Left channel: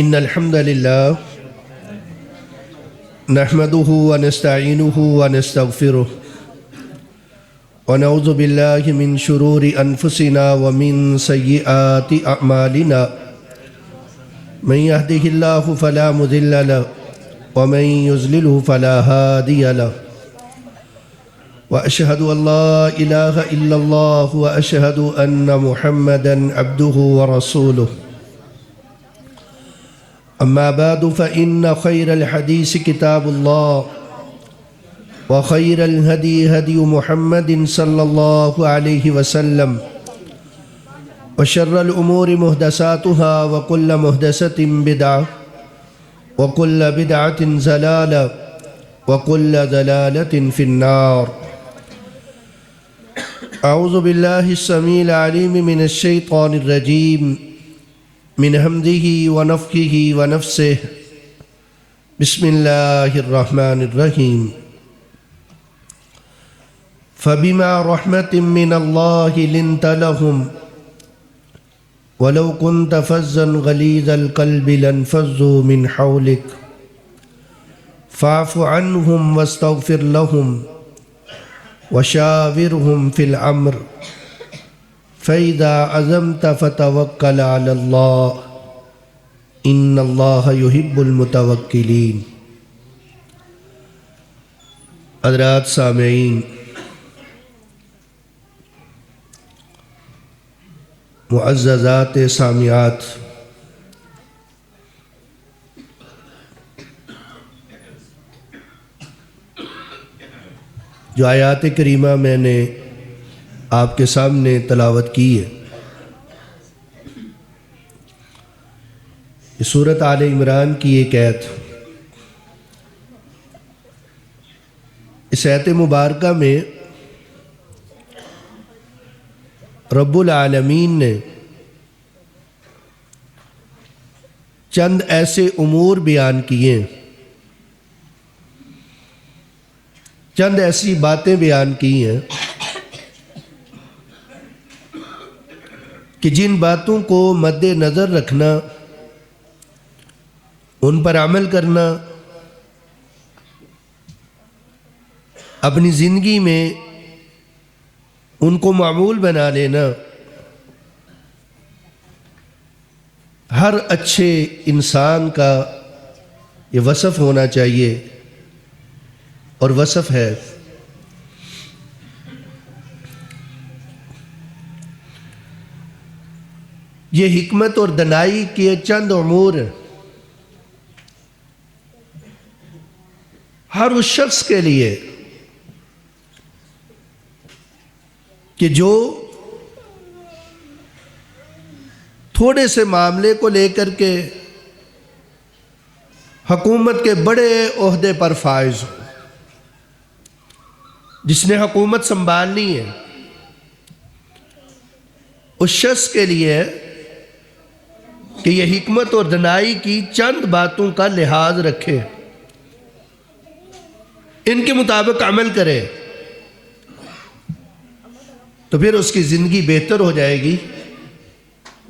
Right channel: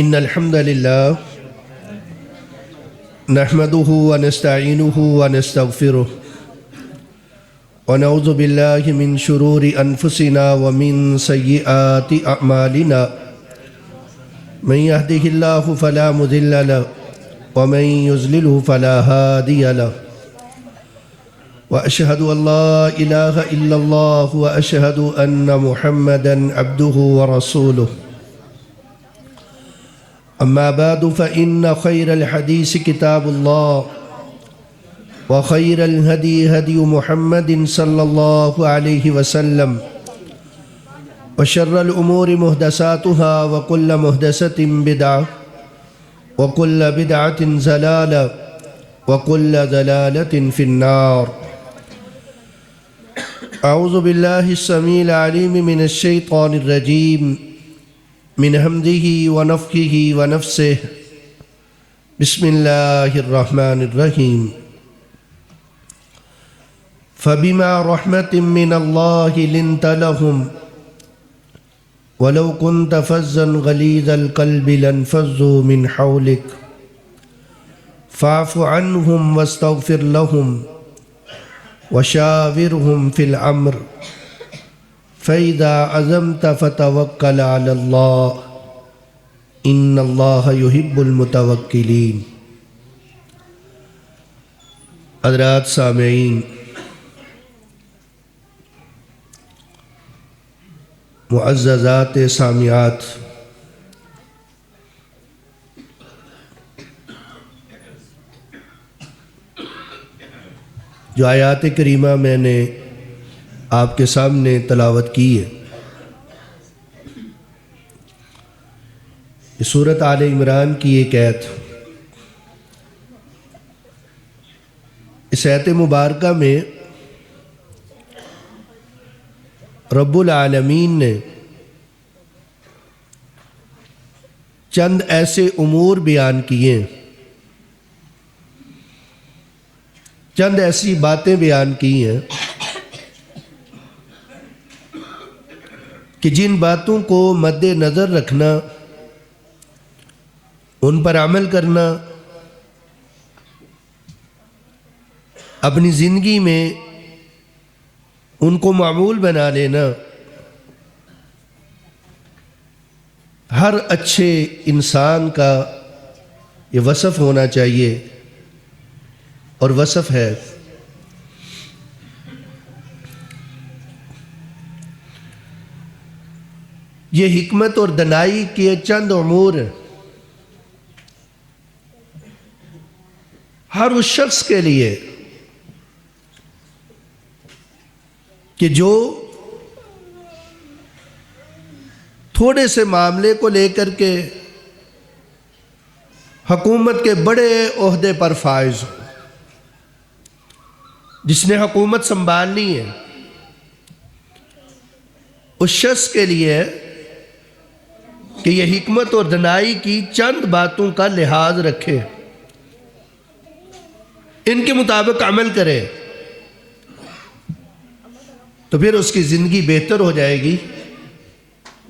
إن الحمد لله نحمده ونستعينه ونستغفره ونعوذ بالله من شرور أنفسنا ومن سيئات أعمالنا من يهده الله فلا مضل له ومن يضلل فلا هادي له وأشهد أن لا إله إلا الله وأشهد أن محمدا عبده ورسوله أما بعد فإن خير الحديث كتاب الله وخير الهدي هدي محمد صلى الله عليه وسلم وشر الأمور محدثاتها وكل محدثة بدعة وكل بدعة ضلالة وكل ضلالة في النار. أعوذ بالله السميع العليم من الشيطان الرجيم من همزه ونفخه ونفسه. بسم الله الرحمن الرحيم. فبما رحمة من الله لنت لهم ولو كنت فظا غليظ القلب لانفضوا من حولك فاعف عنهم واستغفر لهم وشاورهم في الأمر فإذا عزمت فتوكل على الله إن الله يحب المتوكلين. حضرات سامعین، معززات سامعات، جو آیات کریمہ میں نے آپ کے سامنے تلاوت کی ہے، سورۃ آل عمران کی ایک آیت. اس آیت مبارکہ میں رب العالمین نے چند ایسے امور بیان کیے، چند ایسی باتیں بیان کی ہیں کہ جن باتوں کو مد نظر رکھنا، ان پر عمل کرنا، اپنی زندگی میں ان کو معمول بنا لینا ہر اچھے انسان کا یہ وصف ہونا چاہیے، اور وصف ہے. یہ حکمت اور دانائی کے چند امور ہر اس شخص کے لیے کہ جو تھوڑے سے معاملے کو لے کر کے حکومت کے بڑے عہدے پر فائز ہو، جس میں حکومت سنبھالنی ہے، اس شخص کے لیے کہ یہ حکمت اور دانائی کی چند باتوں کا لحاظ رکھے، ان کے مطابق عمل کرے، تو پھر اس کی زندگی بہتر ہو جائے گی.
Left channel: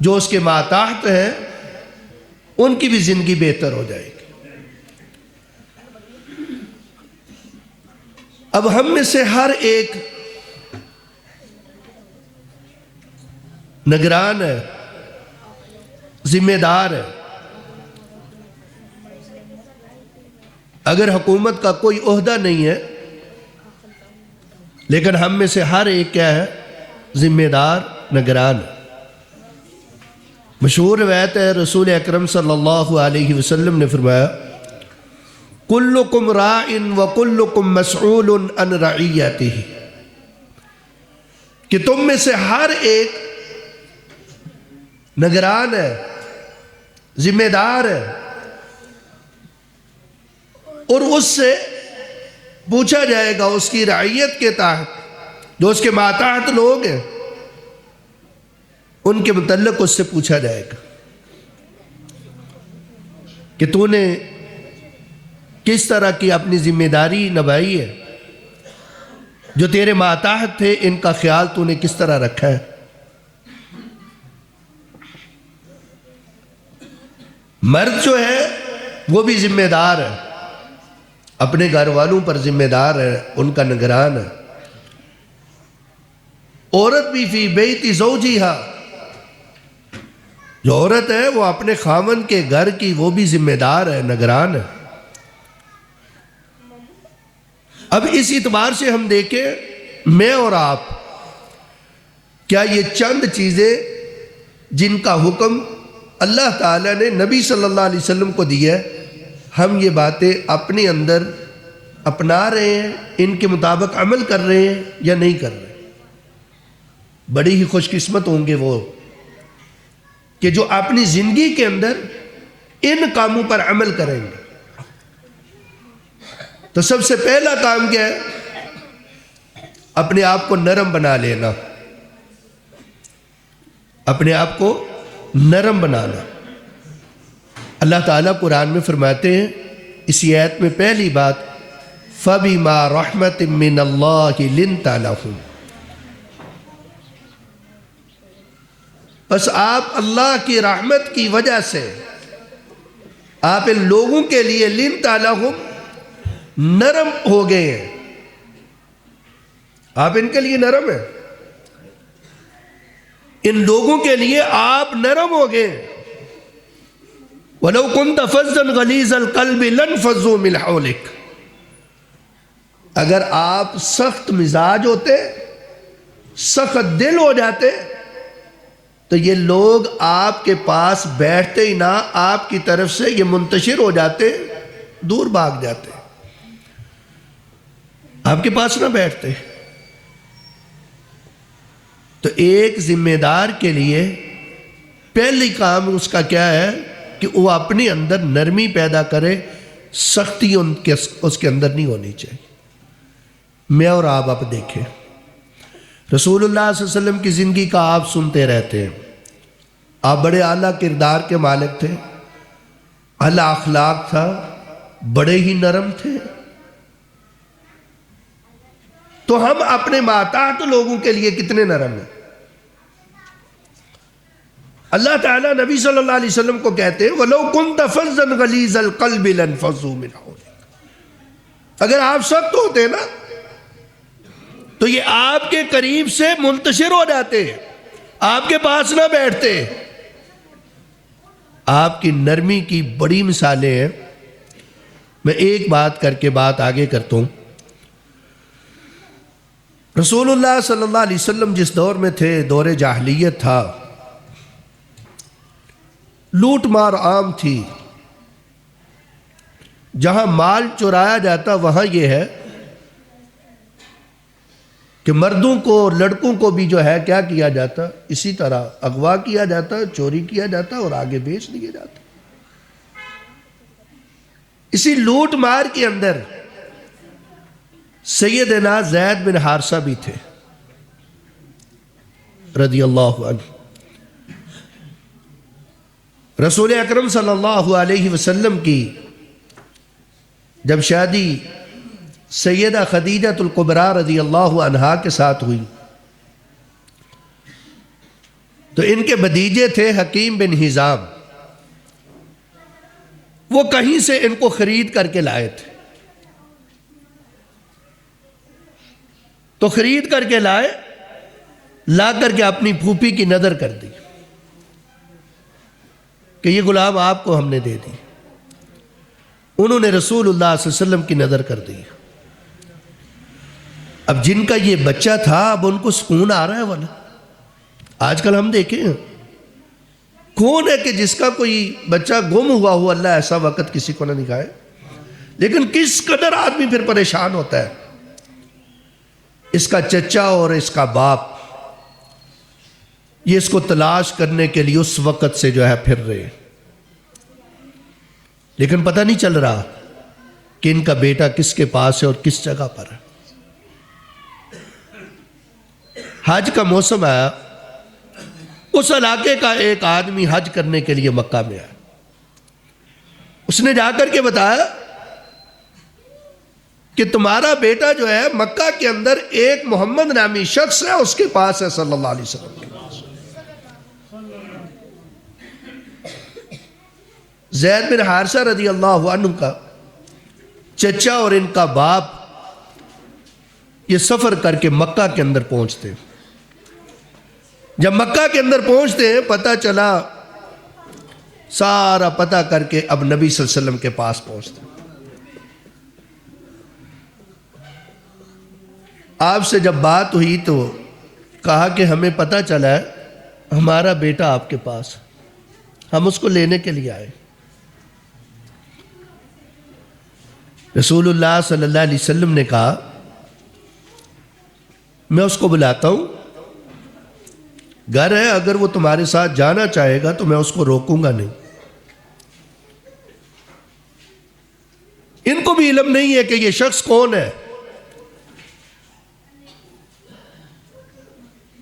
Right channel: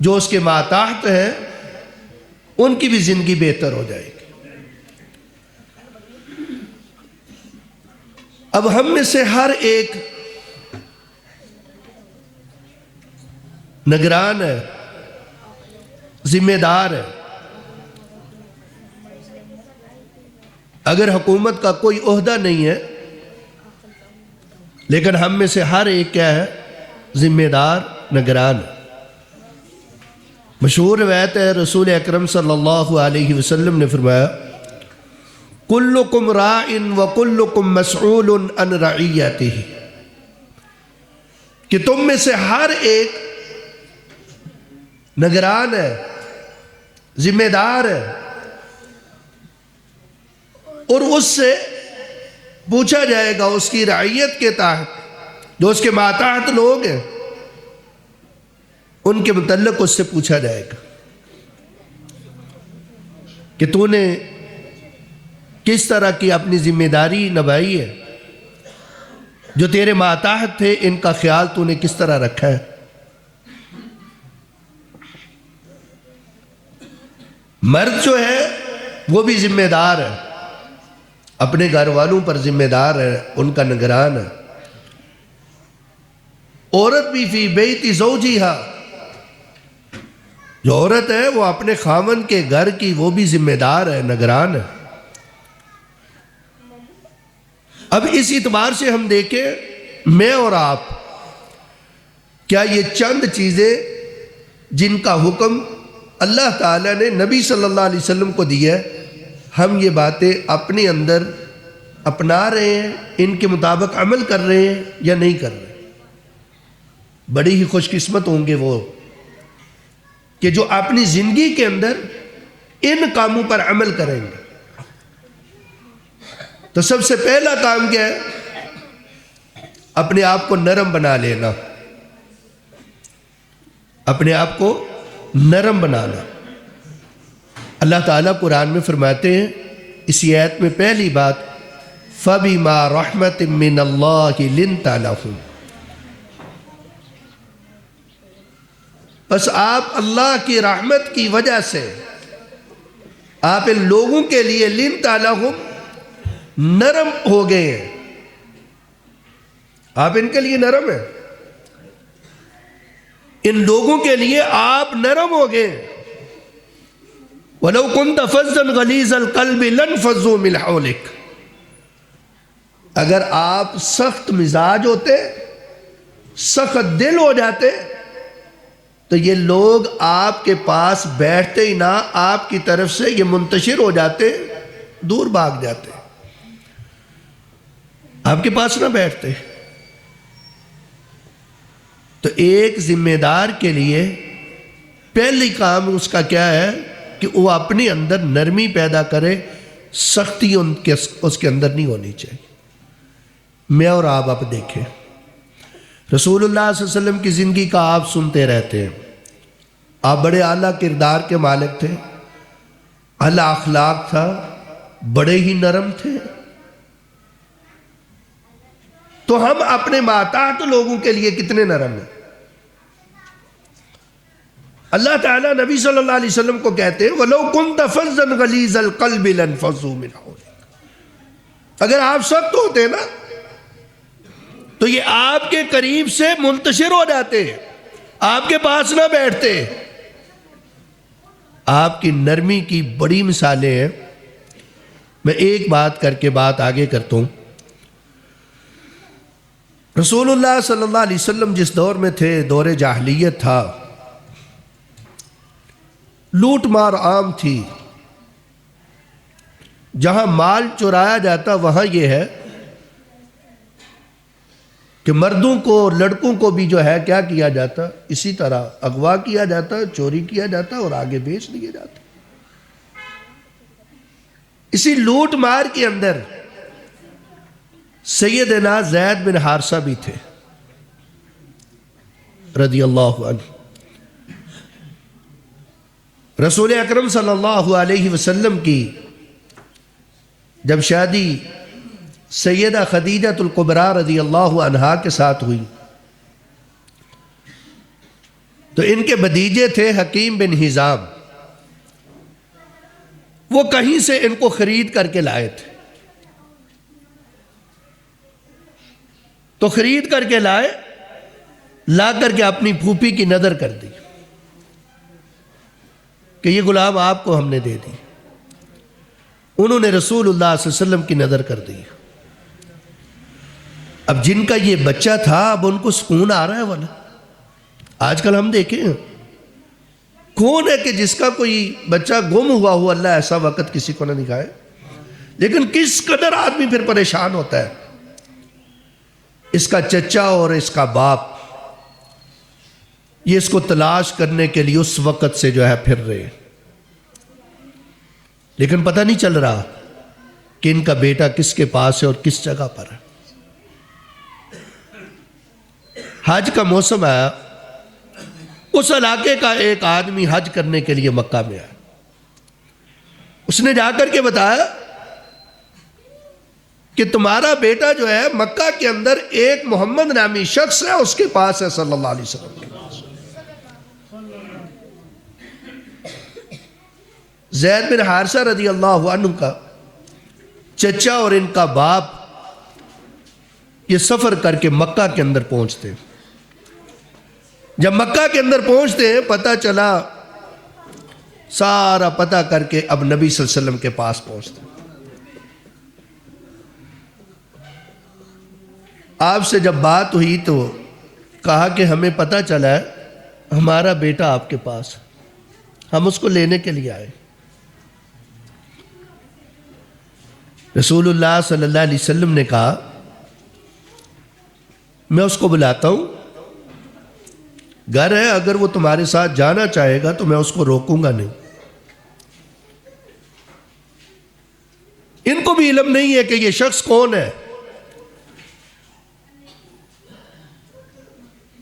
جو اس کے ماتحت ہیں ان کی بھی زندگی بہتر ہو جائے گی. اب ہم میں سے ہر ایک نگران ہے، ذمہ دار ہے. اگر حکومت کا کوئی عہدہ نہیں ہے، لیکن ہم میں سے ہر ایک کیا ہے؟ ذمہ دار، نگران ہے. مشہور روایت ہے، رسول اکرم صلی اللہ علیہ وسلم نے فرمایا: کلکم راع وکلکم مسئول عن رعیتہ، کہ تم میں سے ہر ایک نگران ہے، ذمہ دار ہے، اور اس سے پوچھا جائے گا، اس کی رعیت کے تحت جو اس کے ماتحت لوگ ہیں ان کے متعلق اس سے پوچھا جائے گا کہ تو نے کس طرح کی اپنی ذمہ داری نبھائی ہے، جو تیرے ماتحت تھے ان کا خیال تو نے کس طرح رکھا ہے. مرد جو ہے وہ بھی ذمہ دار ہے، اپنے گھر والوں پر ذمہ دار ہے، ان کا نگران ہے۔ عورت بھی فی بیت زوجہا، جو عورت ہے وہ اپنے خاوند کے گھر کی وہ بھی ذمہ دار ہے، نگران ہے۔ اب اس اعتبار سے ہم دیکھیں، میں اور آپ، کیا یہ چند چیزیں جن کا حکم اللہ تعالیٰ نے نبی صلی اللہ علیہ وسلم کو دیا ہے، ہم یہ باتیں اپنے اندر اپنا رہے ہیں، ان کے مطابق عمل کر رہے ہیں یا نہیں کر رہے؟ بڑی ہی خوش قسمت ہوں گے وہ کہ جو اپنی زندگی کے اندر ان کاموں پر عمل کریں گے۔ تو سب سے پہلا کام کیا ہے؟ اپنے آپ کو نرم بنا لینا، اپنے آپ کو نرم بنانا۔ اللہ تعالیٰ قرآن میں فرماتے ہیں اسی آیت میں پہلی بات، فَبِمَا رَحْمَةٍ مِّنَ اللَّهِ لِنْتَ لَهُمْ، بس آپ اللہ کی رحمت کی وجہ سے آپ ان لوگوں کے لیے لِنْتَ لَهُمْ نرم ہو گئے ہیں، آپ ان کے لیے نرم ہیں، ان لوگوں کے لیے آپ نرم ہو گئے۔ وَلَوْ كُنْتَ فَظًّا غَلِيظَ الْقَلْبِ لَانفَضُّوا مِنْ حَوْلِكَ، اگر آپ سخت مزاج ہوتے، سخت دل ہو جاتے، تو یہ لوگ آپ کے پاس بیٹھتے ہی نہ، آپ کی طرف سے یہ منتشر ہو جاتے، دور بھاگ جاتے، آپ کے پاس نہ بیٹھتے۔ تو ایک ذمہ دار کے لیے پہلی کام اس کا کیا ہے کہ وہ اپنے اندر نرمی پیدا کرے، سختی اس کے اندر نہیں ہونی چاہیے۔ میں اور آپ دیکھیں، رسول اللہ صلی اللہ علیہ وسلم کی زندگی کا آپ سنتے رہتے ہیں، آپ بڑے اعلیٰ کردار کے مالک تھے، اعلیٰ اخلاق تھا، بڑے ہی نرم تھے۔ تو ہم اپنے ماتحت لوگوں کے لیے کتنے نرم ہیں۔ اللہ تعالیٰ نبی صلی اللہ علیہ وسلم کو کہتے ہیں وَلَوْ كُنْتَ فَظًّا غَلِيظَ الْقَلْبِ لَانفَضُّوا مِنْ حَوْلِكَ، اگر آپ سخت ہوتے نا تو یہ آپ کے قریب سے منتشر ہو جاتے، آپ کے پاس نہ بیٹھتے۔ آپ کی نرمی کی بڑی مثالیں ہیں۔ میں ایک بات کر کے بات آگے کرتا ہوں۔ رسول اللہ صلی اللہ علیہ وسلم جس دور میں تھے، دور جاہلیت تھا، لوٹ مار عام تھی، جہاں مال چرایا جاتا وہاں یہ ہے کہ مردوں کو، لڑکوں کو بھی جو ہے کیا کیا جاتا، اسی طرح اغوا کیا جاتا، چوری کیا جاتا اور آگے بیچ دیا جاتا۔ اسی لوٹ مار کے اندر سیدنا زید بن حارثہ بھی تھے رضی اللہ عنہ۔ رسول اکرم صلی اللہ علیہ وسلم کی جب شادی سیدہ خدیجہ الکبریٰ رضی اللہ عنہا کے ساتھ ہوئی تو ان کے بھتیجے تھے حکیم بن حزام، وہ کہیں سے ان کو خرید کر کے لائے تھے۔ تو خرید کر کے لائے، لا کر کے اپنی پھوپھی کی نظر کر دی کہ یہ غلام آپ کو ہم نے دے دی۔ انہوں نے رسول اللہ صلی اللہ علیہ وسلم کی نظر کر دی۔ اب جن کا یہ بچہ تھا اب ان کو سکون آ رہا ہے والا۔ آج کل ہم دیکھیں کون ہے کہ جس کا کوئی بچہ گم ہوا ہوا، اللہ ایسا وقت کسی کو نہ دکھائے، لیکن کس قدر آدمی پھر پریشان ہوتا ہے۔ اس کا چچا اور اس کا باپ یہ اس کو تلاش کرنے کے لیے اس وقت سے جو ہے پھر رہی، لیکن پتہ نہیں چل رہا کہ ان کا بیٹا کس کے پاس ہے اور کس جگہ پر ہے۔ حج کا موسم آیا، اس علاقے کا ایک آدمی حج کرنے کے لیے مکہ میں ہے۔ اس نے جا کر کے بتایا کہ تمہارا بیٹا جو ہے مکہ کے اندر ایک محمد نامی شخص ہے، اس کے پاس ہے صلی اللہ علیہ وسلم کے پاس۔ زید بن حارثہ رضی اللہ عنہ کا چچا اور ان کا باپ یہ سفر کر کے مکہ کے اندر پہنچتے ہیں. جب مکہ کے اندر پہنچتے ہیں پتہ چلا، سارا پتہ کر کے اب نبی صلی اللہ علیہ وسلم کے پاس پہنچتے ہیں. آپ سے جب بات ہوئی تو کہا کہ ہمیں پتہ چلا ہے ہمارا بیٹا آپ کے پاس، ہم اس کو لینے کے لیے آئے. رسول اللہ صلی اللہ علیہ وسلم نے کہا میں اس کو بلاتا ہوں، گھر ہے، اگر وہ تمہارے ساتھ جانا چاہے گا تو میں اس کو روکوں گا نہیں. ان کو بھی علم نہیں ہے کہ یہ شخص کون ہے.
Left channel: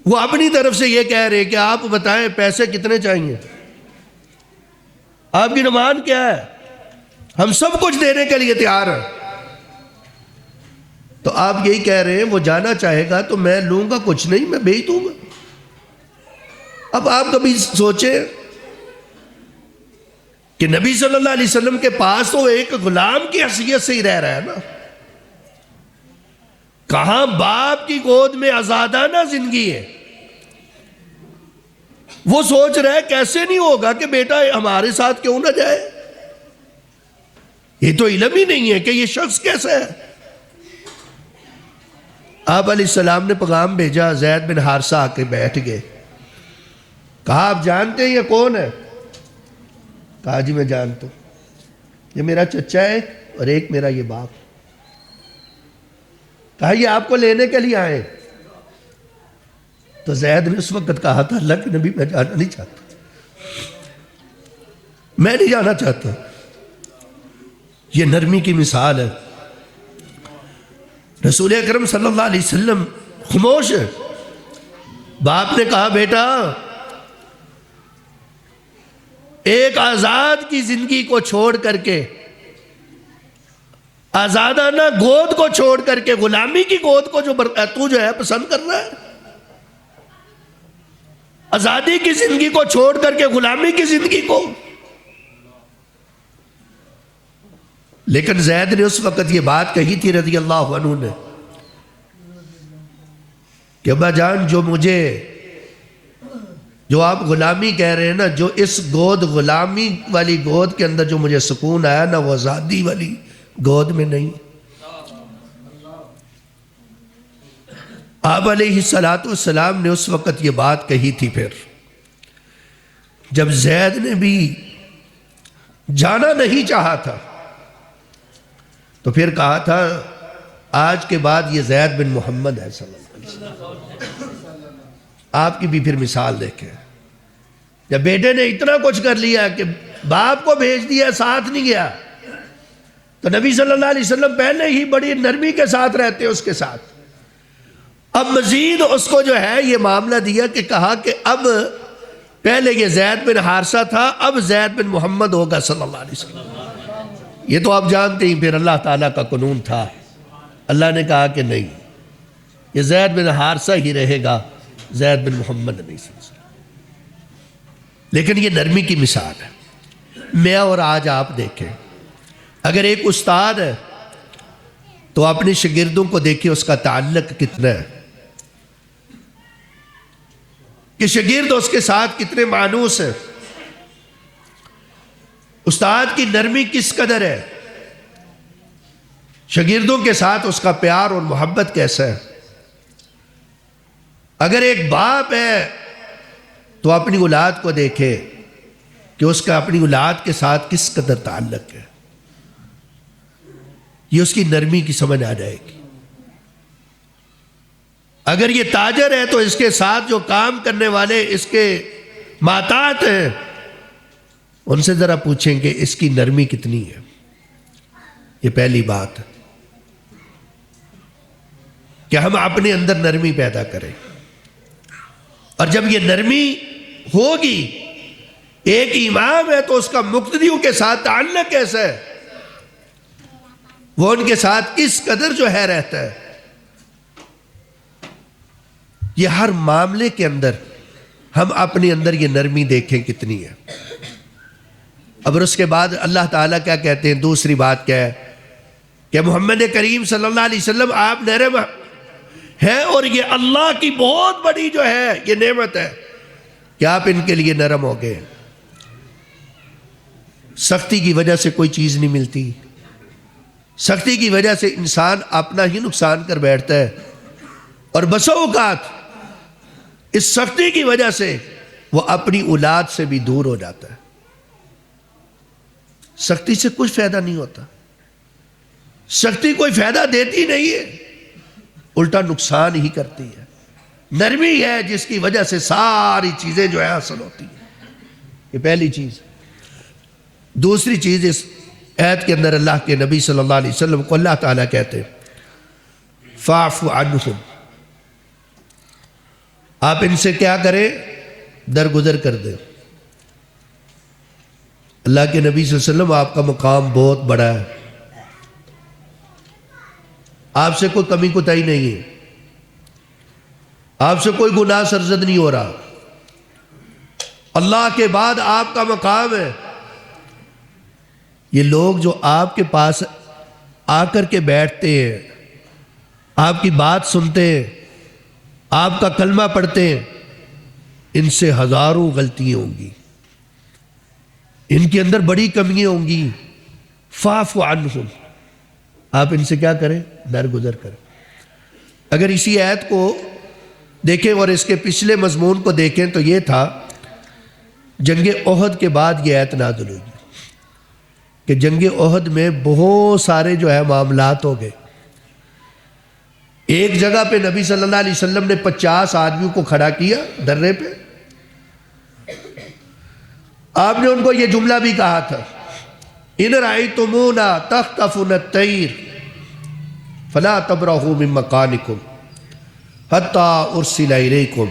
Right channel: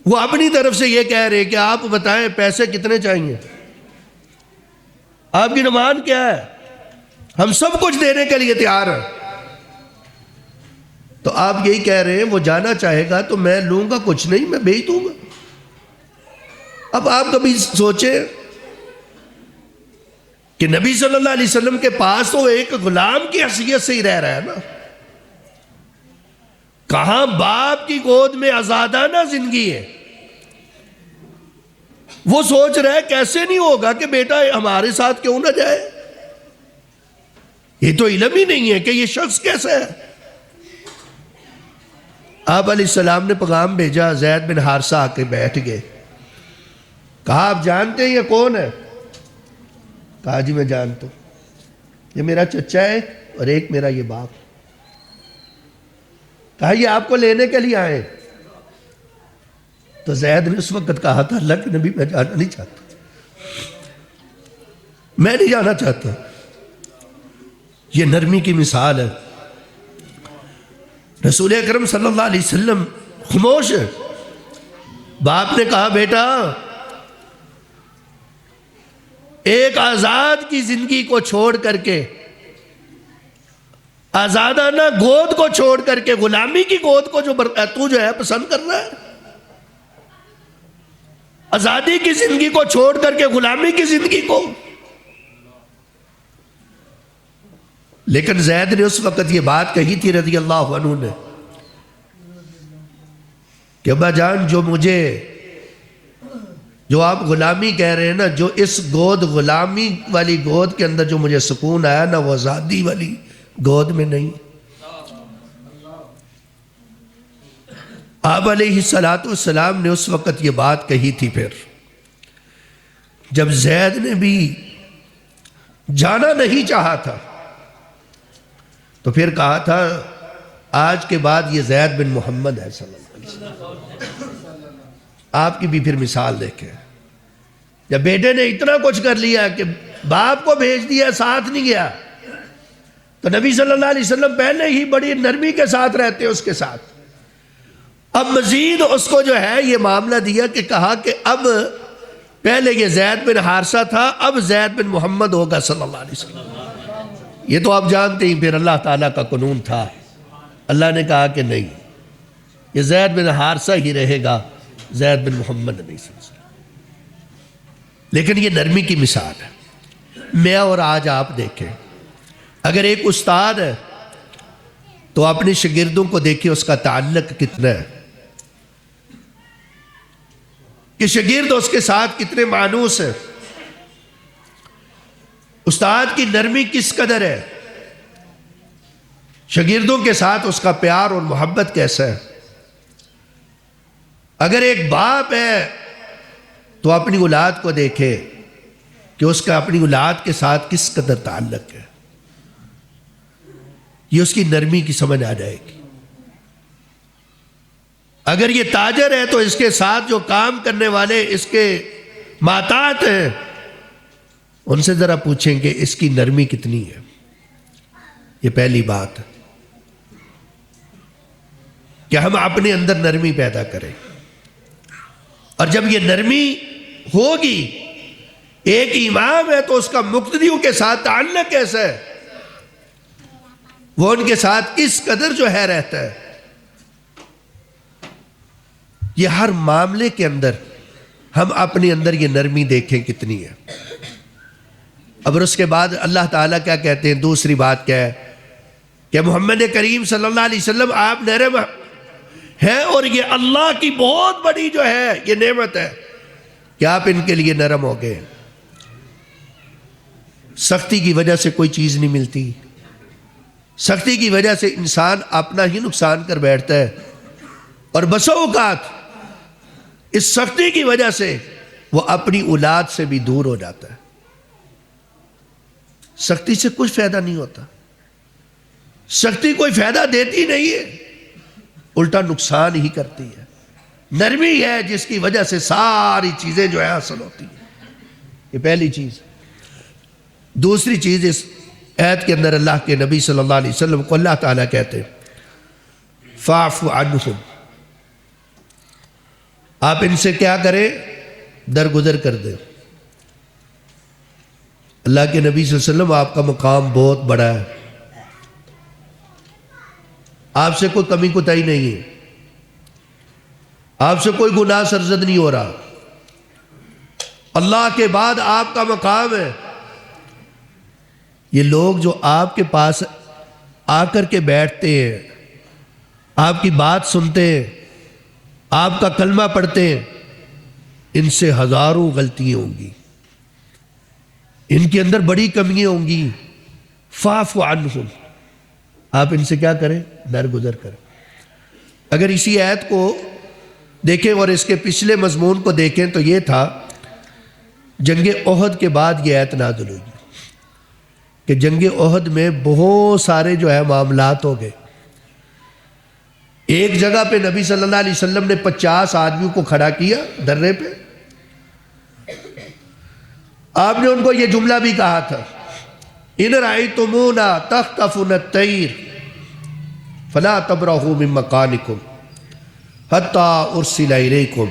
وہ اپنی طرف سے یہ کہہ رہے کہ آپ بتائیں پیسے کتنے چاہیے، آپ کی ڈیمانڈ کیا ہے، ہم سب کچھ دینے کے لیے تیار ہیں. تو آپ یہی کہہ رہے ہیں وہ جانا چاہے گا تو میں لوں گا کچھ نہیں، میں بھیج دوں گا. اب آپ کبھی سوچیں کہ نبی صلی اللہ علیہ وسلم کے پاس تو ایک غلام کی حیثیت سے ہی رہ رہا ہے نا، کہاں باپ کی گود میں آزادانہ زندگی ہے. وہ سوچ رہا ہے کیسے نہیں ہوگا کہ بیٹا ہمارے ساتھ کیوں نہ جائے. یہ تو علم ہی نہیں ہے کہ یہ شخص کیسا ہے. آپ علیہ السلام نے پیغام بھیجا، زید بن حارثہ آ کے بیٹھ گئے. کہا آپ جانتے ہیں یہ کون ہے؟ کہا جی میں جانتا ہوں، یہ میرا چچا ہے اور ایک میرا یہ باپ. کہا یہ آپ کو لینے کے لیے آئے. تو زید نے اس وقت کہا تھا اللہ کے نبی میں جانا نہیں چاہتا، میں نہیں جانا چاہتا. یہ نرمی کی مثال ہے. رسول اکرم صلی اللہ علیہ وسلم خاموش ہے. باپ نے کہا بیٹا ایک آزاد کی زندگی کو چھوڑ کر کے، آزادانہ گود کو چھوڑ کر کے غلامی کی گود کو تو جو ہے پسند کر رہا ہے، آزادی کی زندگی کو چھوڑ کر کے غلامی کی زندگی کو. لیکن زید نے اس وقت یہ بات کہی تھی رضی اللہ عنہ نے کہ ابا جان جو آپ غلامی کہہ رہے ہیں نا، جو اس گود غلامی والی گود کے اندر جو مجھے سکون آیا نا، وہ آزادی والی گود میں نہیں. آپ علیہ السلام نے اس وقت یہ بات کہی تھی. پھر جب زید نے بھی جانا نہیں چاہا تھا تو پھر کہا تھا آج کے بعد یہ زید بن محمد ہے صلی اللہ علیہ وسلم. آپ کی بھی پھر مثال دیکھیں. جب بیٹے نے اتنا کچھ کر لیا کہ باپ کو بھیج دیا، ساتھ نہیں گیا، تو نبی صلی اللہ علیہ وسلم پہلے ہی بڑی نرمی کے ساتھ رہتے اس کے ساتھ. اب مزید اس کو جو ہے یہ معاملہ دیا کہ کہا کہ اب پہلے یہ زید بن حارثہ تھا، اب زید بن محمد ہوگا صلی اللہ علیہ وسلم. یہ تو آپ جانتے ہی پھر اللہ تعالیٰ کا قانون تھا. اللہ نے کہا کہ نہیں، یہ زید بن حارثہ ہی رہے گا، زید بن محمد نہیں. لیکن یہ نرمی کی مثال ہے. میں اور آج آپ دیکھیں، اگر ایک استاد ہے تو اپنی شاگردوں کو دیکھیں اس کا تعلق کتنا ہے، کہ شاگرد اس کے ساتھ کتنے مانوس ہیں. استاد کی نرمی کس قدر ہے، شاگردوں کے ساتھ اس کا پیار اور محبت کیسا ہے. اگر ایک باپ ہے تو اپنی اولاد کو دیکھے کہ اس کا اپنی اولاد کے ساتھ کس قدر تعلق ہے. یہ اس کی نرمی کی سمجھ آ جائے گی. اگر یہ تاجر ہے تو اس کے ساتھ جو کام کرنے والے اس کے ماتات ہیں، ان سے ذرا پوچھیں کہ اس کی نرمی کتنی ہے. یہ پہلی بات ہے کہ ہم اپنے اندر نرمی پیدا کریں. اور جب یہ نرمی ہوگی، ایک امام ہے تو اس کا مقتدیوں کے ساتھ تعلق کیسا ہے، وہ ان کے ساتھ کس قدر جو ہے رہتا ہے. یہ ہر معاملے کے اندر ہم اپنے اندر یہ نرمی دیکھیں کتنی ہے. اب اس کے بعد اللہ تعالیٰ کیا کہتے ہیں؟ دوسری بات کیا ہے کہ محمد کریم صلی اللہ علیہ وسلم آپ نرم ہیں، اور یہ اللہ کی بہت بڑی جو ہے یہ نعمت ہے کہ آپ ان کے لیے نرم ہو گئے۔ سختی کی وجہ سے کوئی چیز نہیں ملتی، سختی کی وجہ سے انسان اپنا ہی نقصان کر بیٹھتا ہے، اور بسا اوقات اس سختی کی وجہ سے وہ اپنی اولاد سے بھی دور ہو جاتا ہے۔ سختی سے کچھ فائدہ نہیں ہوتا، سختی کوئی فائدہ دیتی نہیں ہے، الٹا نقصان ہی کرتی ہے۔ نرمی ہے جس کی وجہ سے ساری چیزیں جو ہے حاصل ہوتی ہیں۔ یہ پہلی چیز۔ دوسری چیز، اس آیت کے اندر اللہ کے نبی صلی اللہ علیہ وسلم کو اللہ تعالیٰ کہتے ہیں فاعف عنہم، آپ ان سے کیا کریں؟ درگزر کر دیں۔ اللہ کے نبی صلی اللہ علیہ وسلم آپ کا مقام بہت بڑا ہے، آپ سے کوئی کمی کوتاہی نہیں ہے، آپ سے کوئی گناہ سرزد نہیں ہو رہا، اللہ کے بعد آپ کا مقام ہے۔ یہ لوگ جو آپ کے پاس آ کر کے بیٹھتے ہیں، آپ کی بات سنتے ہیں، آپ کا کلمہ پڑھتے ہیں، ان سے ہزاروں غلطیاں ہوں گی، ان کے اندر بڑی کمیاں ہوں گی۔ فاعف عنہم، آپ ان سے کیا کریں؟ درگزر کریں۔ اگر اسی آیت کو دیکھیں اور اس کے پچھلے مضمون کو دیکھیں تو یہ تھا جنگ احد کے بعد یہ آیت نازل ہوئی کہ جنگ احد میں بہت سارے جو ہے معاملات ہو گئے۔ ایک جگہ پہ نبی صلی اللہ علیہ وسلم نے 50 آدمیوں کو کھڑا کیا درے پہ، آپ نے ان کو یہ جملہ بھی کہا تھا ان رأیتمونا تخطفنا الطیر فلا تبرحوا من مکانکم حتی ارسل الیکم۔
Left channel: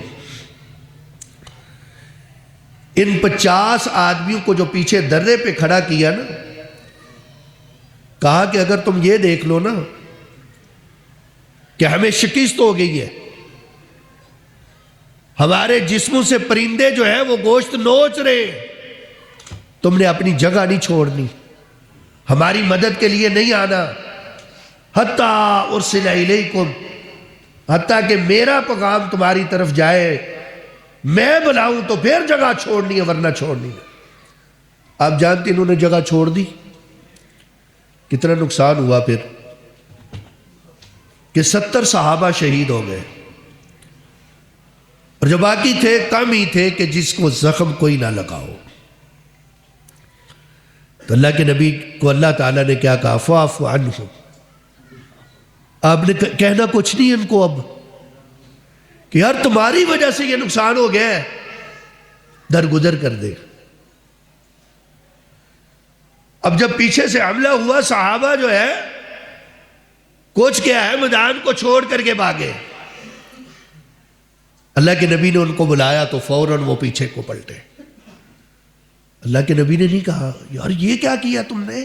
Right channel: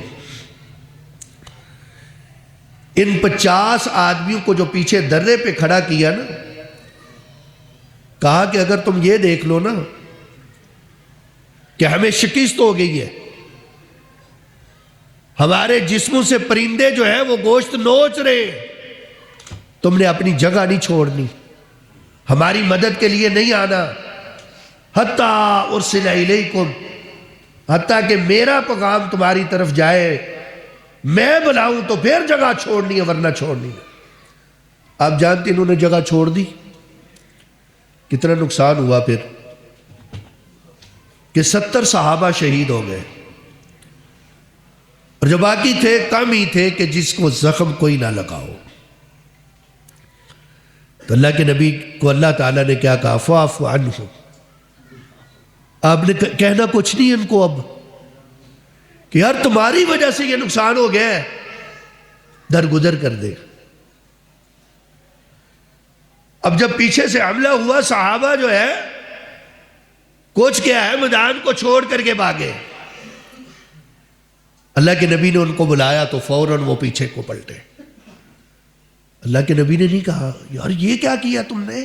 ان 50 آدمیوں کو جو پیچھے درے پہ کھڑا کیا نا، کہا کہ اگر تم یہ دیکھ لو نا کہ ہمیں شکست ہو گئی ہے، ہمارے جسموں سے پرندے جو ہے وہ گوشت نوچ رہے، تم نے اپنی جگہ نہیں چھوڑنی، ہماری مدد کے لیے نہیں آنا، حتیٰ ارسل الیکم، حتیٰ کہ میرا پیغام تمہاری طرف جائے، میں بلاؤں تو پھر جگہ چھوڑنی ہے ورنہ چھوڑنی ہے۔ آپ جانتے انہوں نے جگہ چھوڑ دی، کتنا نقصان ہوا پھر کہ 70 صحابہ شہید ہو گئے، اور جو باقی تھے کم ہی تھے کہ جس کو زخم کوئی نہ لگا ہو۔ تو اللہ کے نبی کو اللہ تعالیٰ نے کیا کہا؟ فاعف عنہم، آپ نے کہنا کچھ نہیں ان کو اب کہ یار تمہاری وجہ سے یہ نقصان ہو گیا ہے، درگزر کر دے۔ اب جب پیچھے سے حملہ ہوا، صحابہ جو ہے کچھ کیا ہے میدان کو چھوڑ کر کے بھاگے، اللہ کے نبی نے ان کو بلایا تو فوراً وہ پیچھے کو پلٹے۔ اللہ کے نبی نے نہیں کہا یار یہ کیا کیا تم نے،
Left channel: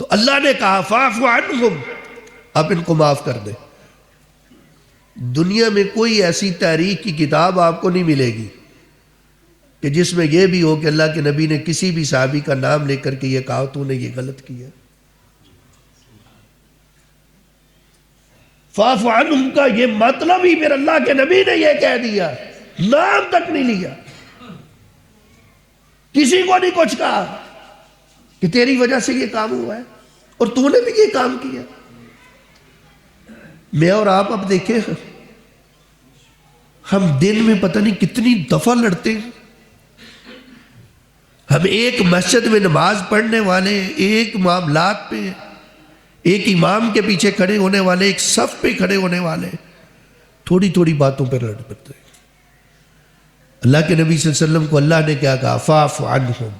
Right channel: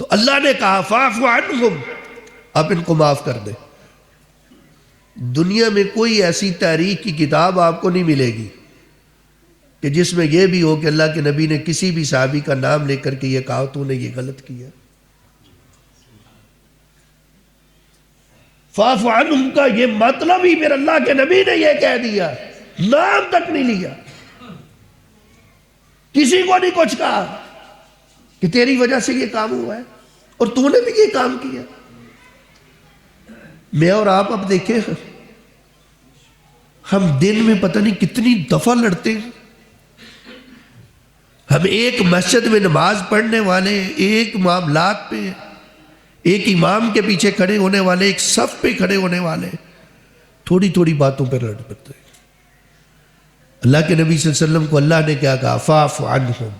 تو اللہ نے کہا فاعف عنہم، آپ ان کو معاف کر دیں۔ دنیا میں کوئی ایسی تاریخ کی کتاب آپ کو نہیں ملے گی کہ جس میں یہ بھی ہو کہ اللہ کے نبی نے کسی بھی صحابی کا نام لے کر کے یہ کہا تو نے یہ غلط کیا۔ فاعف عنہم کا یہ مطلب ہی پھر اللہ کے نبی نے یہ کہہ دیا، نام تک نہیں لیا، کسی کو نہیں کچھ کہا کہ تیری وجہ سے یہ کام ہوا ہے اور تو نے بھی یہ کام کیا۔ میں اور آپ اب دیکھیں، ہم دن میں پتہ نہیں کتنی دفعہ لڑتے ہیں، ہم ایک مسجد میں نماز پڑھنے والے، ایک معاملات پہ، ایک امام کے پیچھے کھڑے ہونے والے، ایک صف پہ کھڑے ہونے والے، تھوڑی تھوڑی باتوں پر لڑ پڑتے ہیں۔ اللہ کے نبی صلی اللہ علیہ وسلم کو اللہ نے کیا کہا؟ فاعف عنہم۔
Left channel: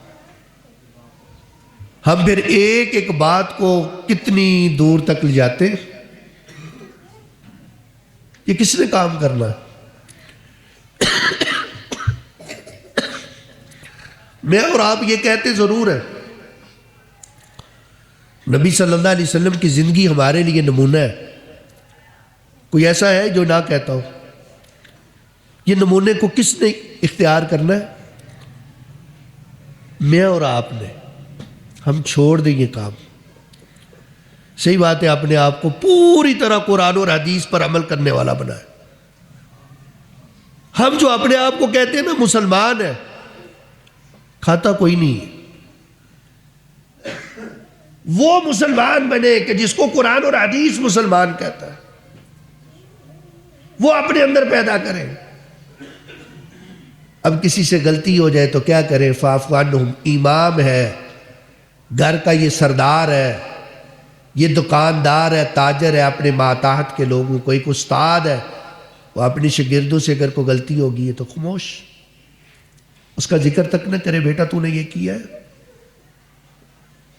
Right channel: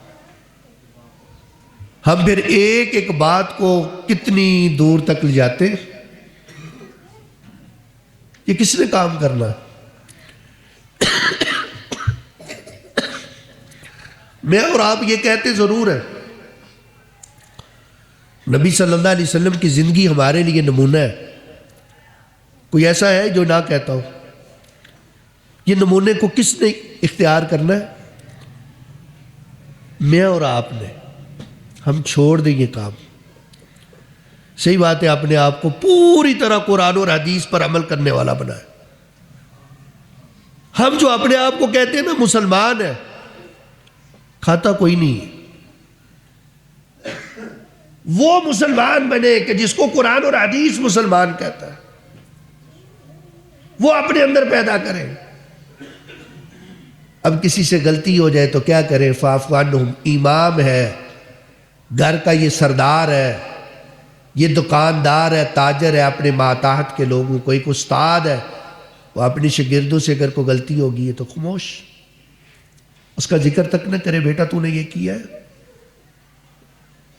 ہم پھر ایک ایک بات کو کتنی دور تک لے جاتے ہیں، یہ کس نے کام کرنا ہے؟ میں اور آپ یہ کہتے ضرور ہیں، نبی صلی اللہ علیہ وسلم کی زندگی ہمارے لیے نمونہ ہے، کوئی ایسا ہے جو نہ کہتا ہو؟ یہ نمونے کو کس نے اختیار کرنا ہے؟ میں اور آپ نے ہم چھوڑ دیں یہ کام. صحیح بات ہے، اپنے آپ کو پوری طرح قرآن اور حدیث پر عمل کرنے والا بنایا. ہم جو اپنے آپ کو کہتے ہیں نا مسلمان ہے، کھاتا کوئی نہیں ہے. وہ مسلمان بنے کہ جس کو قرآن اور حدیث مسلمان کہتا ہے، وہ اپنے اندر پیدا کرے. اب کسی سے غلطی ہو جائے تو کیا کرے؟ فاعف عنہم. امام ہے، گھر کا یہ سردار ہے، یہ دکاندار ہے، تاجر ہے اپنے ماتحت کے لوگوں کو، ایک استاد ہے، وہ اپنی شاگردوں سے اگر کوئی غلطی ہوگی ہے تو خاموش، اس کا ذکر تک نہ کرے. بیٹا تو نے یہ کیا ہے،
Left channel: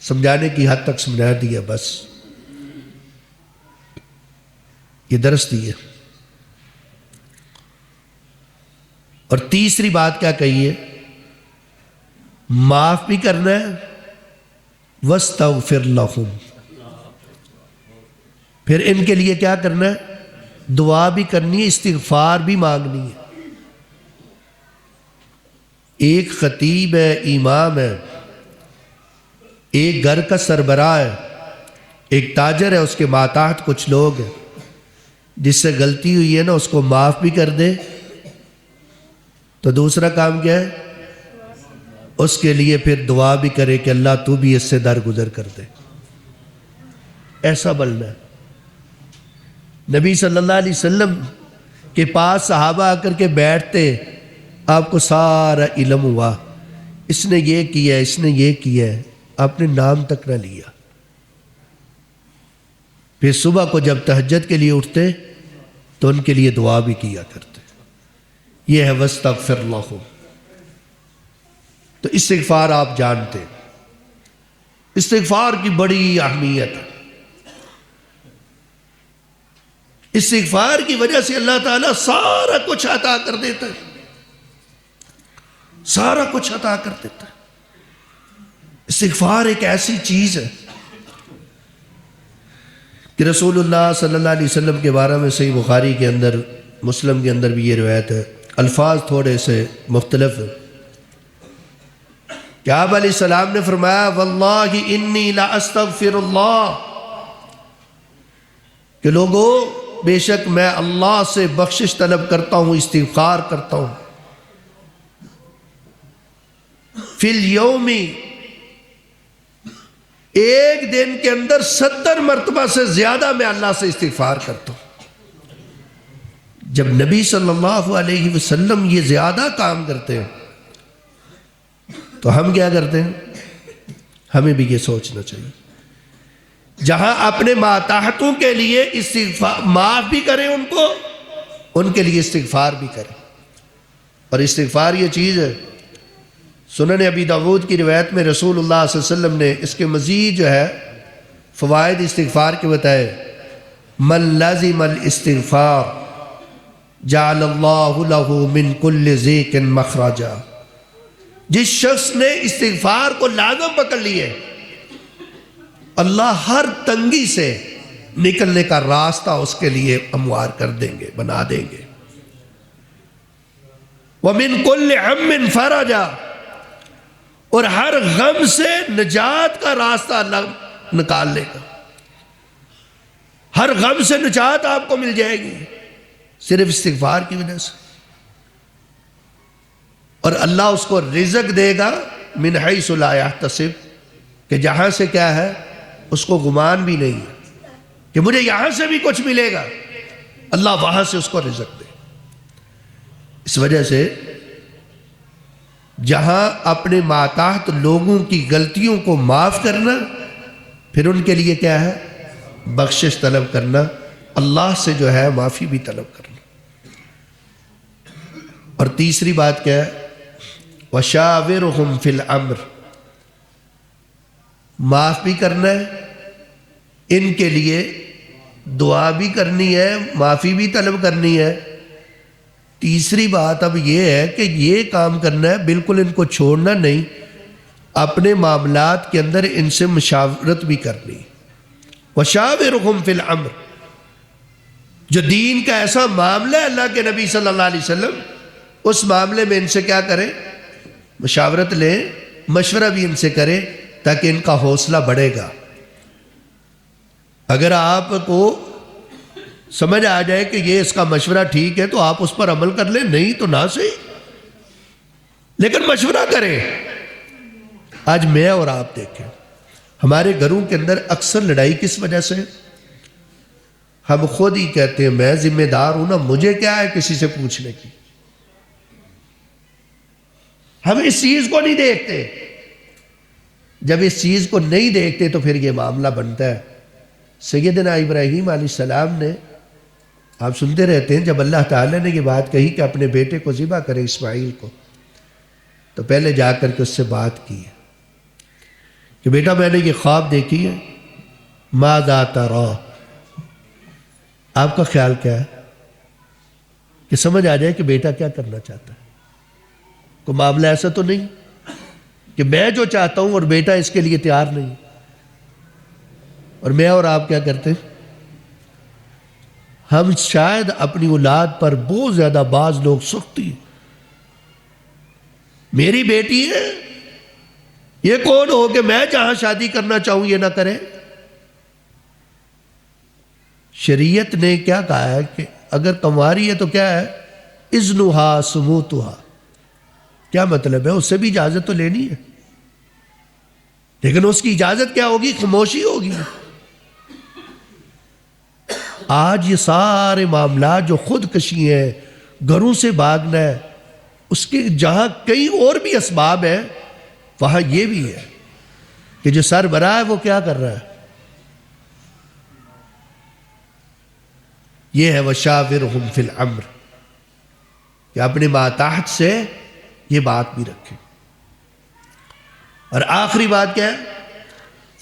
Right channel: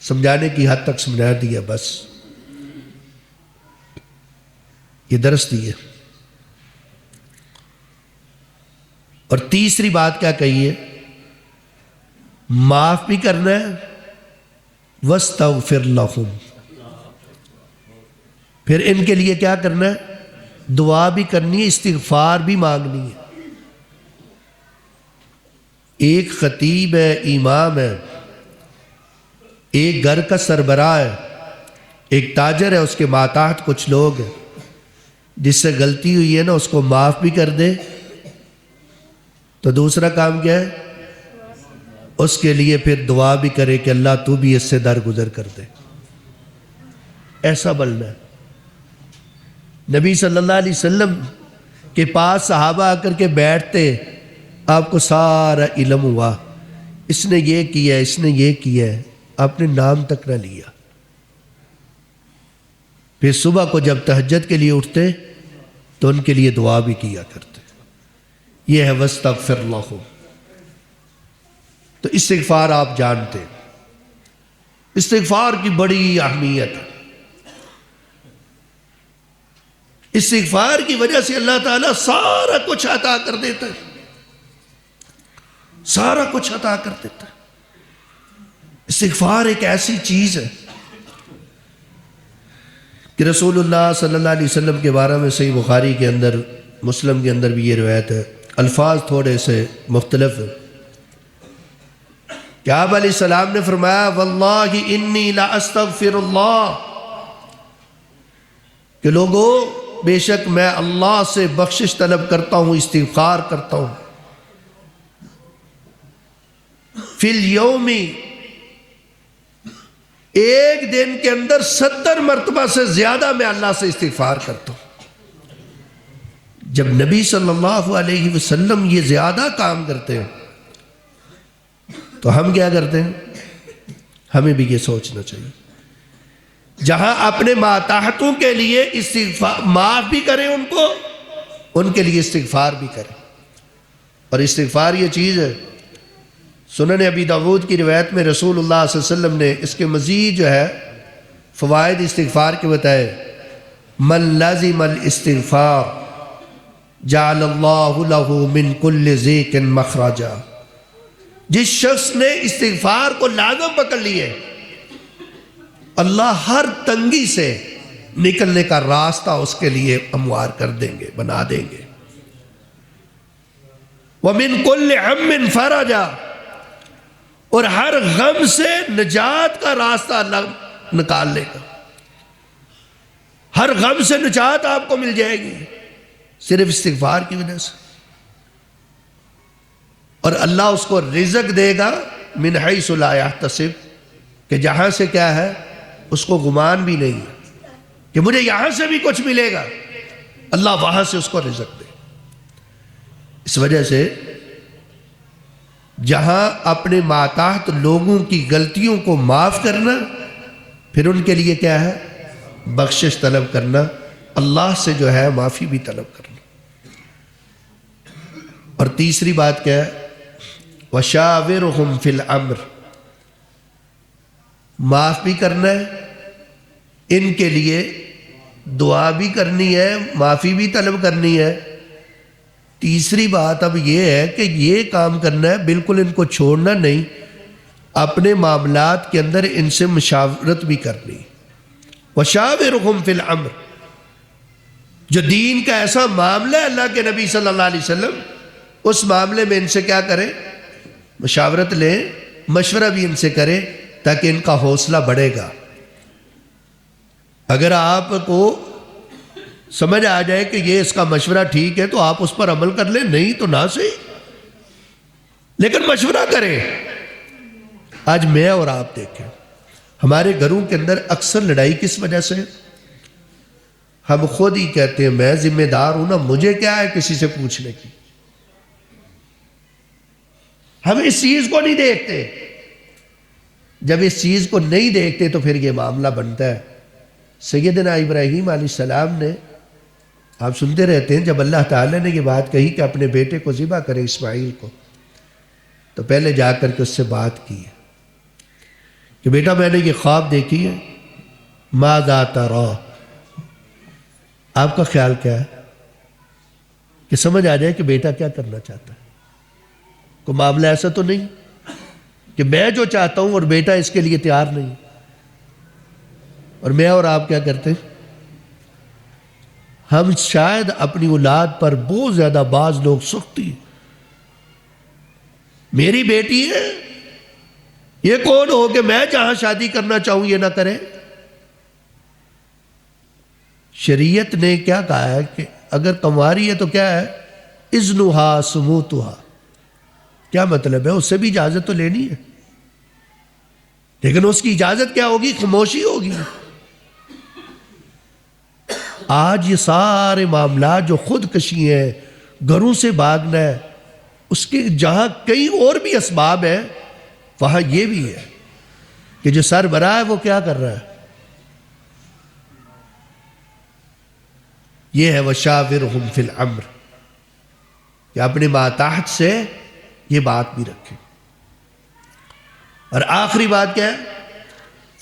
سمجھانے کی حد تک سمجھا دیا، بس یہ درس دی ہے. اور تیسری بات کیا کہیے؟ معاف بھی کرنا ہے. وَاسْتَغْفِرْ لَهُمْ. پھر ان کے لیے کیا کرنا ہے؟ دعا بھی کرنی ہے، استغفار بھی مانگنی ہے. ایک خطیب ہے، امام ہے، ایک گھر کا سربراہ ہے، ایک تاجر ہے، اس کے ماتحت کچھ لوگ ہیں، جس سے غلطی ہوئی ہے نا اس کو معاف بھی کر دے تو دوسرا کام کیا ہے؟ اس کے لیے پھر دعا بھی کرے کہ اللہ تو بھی اس سے درگزر کر دے. ایسا بننا ہے. نبی صلی اللہ علیہ وسلم کے پاس صحابہ آ کر کے بیٹھتے، آپ کو سارا علم ہوا، اس نے یہ کیا ہے، اس نے یہ کیا ہے، آپ نے نام تک نہ لیا. پھر صبح کو جب تہجد کے لیے اٹھتے تو ان کے لیے دعا بھی کیا کرتے. یہ ہے وَاسْتَغْفِرْ لَهُمْ. تو استغفار آپ جانتے، استغفار کی بڑی اہمیت ہے. استغفار کی وجہ سے اللہ تعالیٰ سارا کچھ عطا کر دیتا ہے، سارا کچھ عطا کر دیتا ہے. استغفار ایک ایسی چیز ہے کہ رسول اللہ صلی اللہ علیہ وسلم کے بارے میں صحیح بخاری کے اندر، مسلم کے اندر بھی یہ روایت ہے، الفاظ تھوڑے سے مختلف ہیں. کہ آپ علیہ السلام نے فرمایا واللہ انی لا استغفر اللہ، کہ لوگوں بے شک میں اللہ سے بخشش طلب کرتا ہوں، استغفار کرتا ہوں. فی الیوم، ایک دن کے اندر 70 مرتبہ سے زیادہ میں اللہ سے استغفار کرتا ہوں. جب نبی صلی اللہ علیہ وسلم یہ زیادہ کام کرتے ہیں تو ہم کیا کرتے ہیں؟ ہمیں بھی یہ سوچنا چاہیے. جہاں اپنے ماتحتوں کے لیے استغفار معاف بھی کریں، ان کو ان کے لیے استغفار بھی کریں. اور استغفار یہ چیز ہے، سنن ابی داود کی روایت میں رسول اللہ صلی اللہ علیہ وسلم نے اس کے مزید جو ہے فوائد استغفار کے بتائیں. من لازم الاستغفار جعل اللہ له من کل ضیق مخرجا. جس شخص نے استغفار کو لازم پکڑ لیے، اللہ ہر تنگی سے نکلنے کا راستہ اس کے لیے ہموار کر دیں گے، بنا دیں گے. وَمِن كُلِّ غَمٍّ فَرَجًا، اور ہر غم سے نجات کا راستہ اللہ نکال لے گا. ہر غم سے نجات آپ کو مل جائے گی صرف استغفار کی وجہ سے. اور اللہ اس کو رزق دے گا من حیث لا یحتسب، کہ جہاں سے کیا ہے اس کو گمان بھی نہیں ہے کہ مجھے یہاں سے بھی کچھ ملے گا، اللہ وہاں سے اس کو رزق دے. اس وجہ سے جہاں اپنے ماتحت لوگوں کی غلطیوں کو معاف کرنا، پھر ان کے لیے کیا ہے؟ بخشش طلب کرنا، اللہ سے جو ہے معافی بھی طلب کرنا. اور تیسری بات کیا ہے؟ وَشَاوِرْهُمْ فِي الْأَمْرِ، معاف بھی کرنا ہے، ان کے لیے دعا بھی کرنی ہے، معافی بھی طلب کرنی ہے. تیسری بات اب یہ ہے کہ یہ کام کرنا ہے، بالکل ان کو چھوڑنا نہیں، اپنے معاملات کے اندر ان سے مشاورت بھی کرنی ہے. وَشَاوِرْهُمْ فِي الْأَمْرِ، جو دین کا ایسا معاملہ ہے اللہ کے نبی صلی اللہ علیہ وسلم، اس معاملے میں ان سے کیا کریں؟ مشاورت لیں، مشورہ بھی ان سے کریں تاکہ ان کا حوصلہ بڑھے گا۔ اگر آپ کو سمجھ آ جائے کہ یہ اس کا مشورہ ٹھیک ہے تو آپ اس پر عمل کر لیں، نہیں تو نہ صحیح، لیکن مشورہ کریں۔ آج میں اور آپ دیکھیں ہمارے گھروں کے اندر اکثر لڑائی کس وجہ سے؟ ہم خود ہی کہتے ہیں میں ذمہ دار ہوں نا، مجھے کیا ہے کسی سے پوچھنے کی۔ ہم اس چیز کو نہیں دیکھتے، جب اس چیز کو نہیں دیکھتے تو پھر یہ معاملہ بنتا ہے۔ سیدنا ابراہیم علیہ السلام نے، آپ سنتے رہتے ہیں، جب اللہ تعالیٰ نے یہ بات کہی کہ اپنے بیٹے کو ذبح کرے اسماعیل کو، تو پہلے جا کر کے اس سے بات کی کہ بیٹا میں نے یہ خواب دیکھی ہے، ماذا ترى، آپ کا خیال کیا، کہ سمجھ آ جائے کہ بیٹا کیا کرنا چاہتا ہے۔ تو معاملہ ایسا تو نہیں کہ میں جو چاہتا ہوں اور بیٹا اس کے لیے تیار نہیں، اور میں اور آپ کیا کرتے ہیں؟ ہم شاید اپنی اولاد پر بہت زیادہ بعض لوگ سختی ہیں۔ میری بیٹی ہے، یہ کون ہو کہ میں جہاں شادی کرنا چاہوں یہ نہ کرے؟ شریعت نے کیا کہا ہے کہ اگر کمواری ہے تو کیا ہے؟ اذنها ثبوتها، کیا مطلب ہے؟ اس سے بھی اجازت تو لینی ہے، لیکن اس کی اجازت کیا ہوگی؟ خاموشی ہوگی۔ آج یہ سارے معاملات جو خودکشی ہیں، گھروں سے بھاگنا ہے، اس کی جہاں کئی اور بھی اسباب ہیں وہاں یہ بھی ہے کہ جو سربراہ ہے وہ کیا کر رہا ہے؟ یہ ہے وَشَاوِرْهُمْ فِي الْأَمْرِ، کہ اپنے ماتحت سے یہ بات بھی رکھیں۔ اور آخری بات کیا ہے؟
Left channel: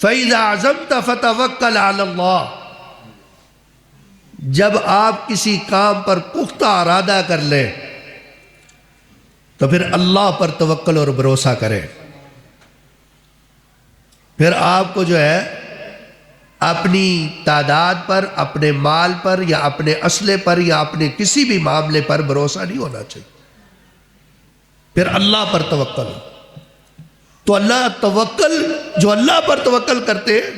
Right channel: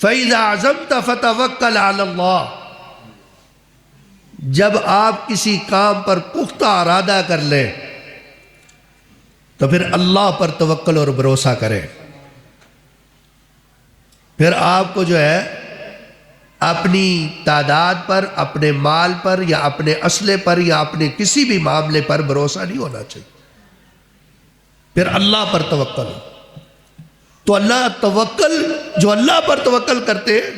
فَإِذَا عَزَمْتَ فَتَوَكَّلْ عَلَى اللَّهِ، جب آپ کسی کام پر پختہ ارادہ کر لیں تو پھر اللہ پر توکل اور بھروسہ کریں۔ پھر آپ کو جو ہے اپنی تعداد پر، اپنے مال پر، یا اپنے اسلحے پر، یا اپنے کسی بھی معاملے پر بھروسہ نہیں ہونا چاہیے، پھر اللہ پر توکل۔ تو اللہ توکل، جو اللہ پر توکل کرتے ہیں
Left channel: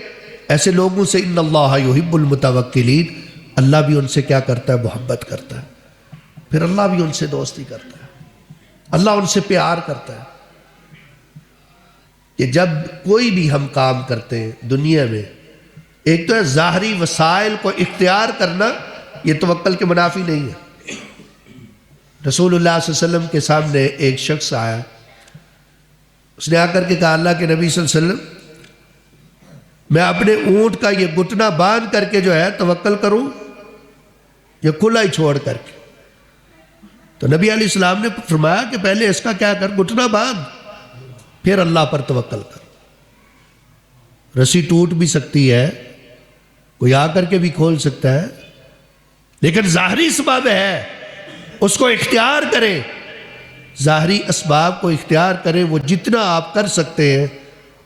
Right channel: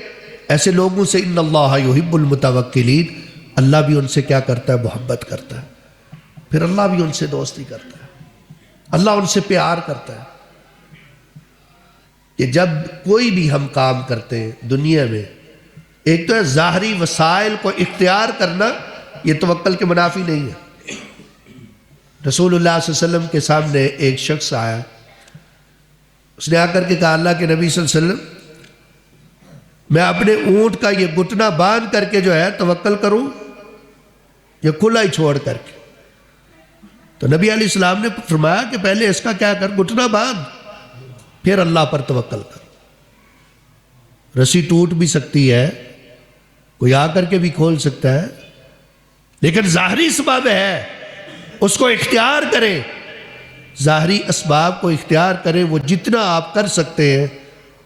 ایسے لوگوں سے ان اللہ یحب المتوکلین، اللہ بھی ان سے کیا کرتا ہے؟ محبت کرتا ہے، پھر اللہ بھی ان سے دوستی کرتا ہے، اللہ ان سے پیار کرتا ہے۔ کہ جب کوئی بھی ہم کام کرتے ہیں دنیا میں، ایک تو ہے ظاہری وسائل کو اختیار کرنا، یہ توکل کے منافی نہیں ہے۔ رسول اللہ صلی اللہ علیہ وسلم کے سامنے ایک شخص آیا، اس نے آ کر کے کہا اللہ کے نبی صلی اللہ علیہ وسلم میں اپنے اونٹ کا یہ گھٹنا باندھ کر کے جو ہے توکل کروں، یہ کھلا ہی چھوڑ کر کے؟ تو نبی علیہ السلام نے فرمایا کہ پہلے اس کا کیا کر، گھٹنا باندھ، پھر اللہ پر توکل کر۔ رسی ٹوٹ بھی سکتی ہے، کوئی آ کر کے بھی کھول سکتا ہے، لیکن ظاہری اسباب ہے، اس کو اختیار کریں، ظاہری اسباب کو اختیار کریں، وہ جتنا آپ کر سکتے ہیں،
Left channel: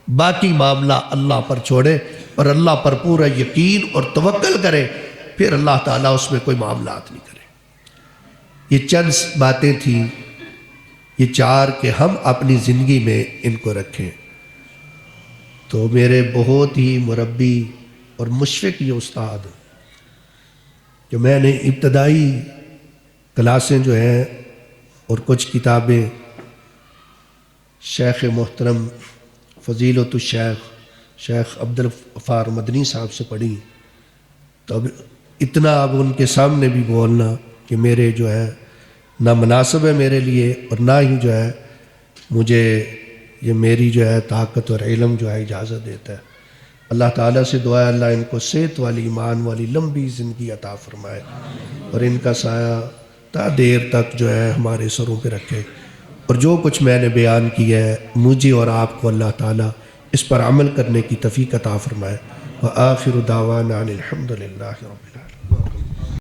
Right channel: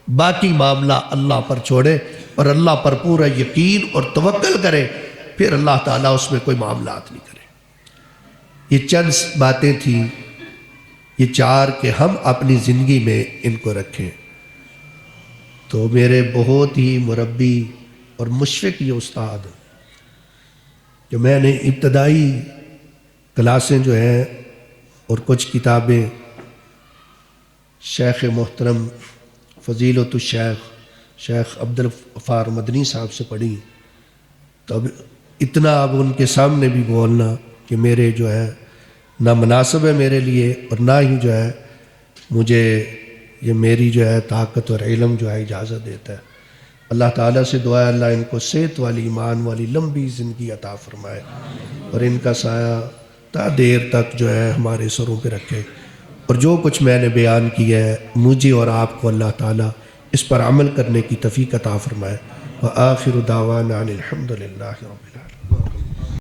باقی معاملہ اللہ پر چھوڑیں اور اللہ پر پورا یقین اور توکل کریں، پھر اللہ تعالیٰ اس میں کوئی معاملات نہیں کرے۔ یہ چند باتیں تھیں، یہ چار کہ ہم اپنی زندگی میں ان کو رکھیں۔ تو میرے بہت ہی مربی اور مشفق یہ استاد کہ میں نے ابتدائی کلاسیں جو ہیں اور کچھ کتابیں شیخ محترم فضیلۃ الشیخ شیخ عبدالغفار مدنی صاحب سے پڑھی، تو اب اتنا اب ان کے سامنے بھی بولنا کہ میرے جو ہے نہ مناسب ہے میرے لیے، اور نہ ہی جو ہے مجھے یہ میری جو ہے طاقت اور علم جو ہے اجازت دیتا ہے۔ اللہ تعالیٰ سے دعا ہے اللہ ان کو صحت والی، ایمان والی لمبی زندگی عطا فرمائے، اور ان کا سایہ تا دیر تک جو ہے ہمارے سروں پہ رکھے، اور جو کچھ میں نے بیان کیا ہے مجھے اور آپ کو اللہ تعالیٰ اس پر عمل کرنے کی توفیق عطا فرمائے۔ وآخر دعوانا الحمد للہ۔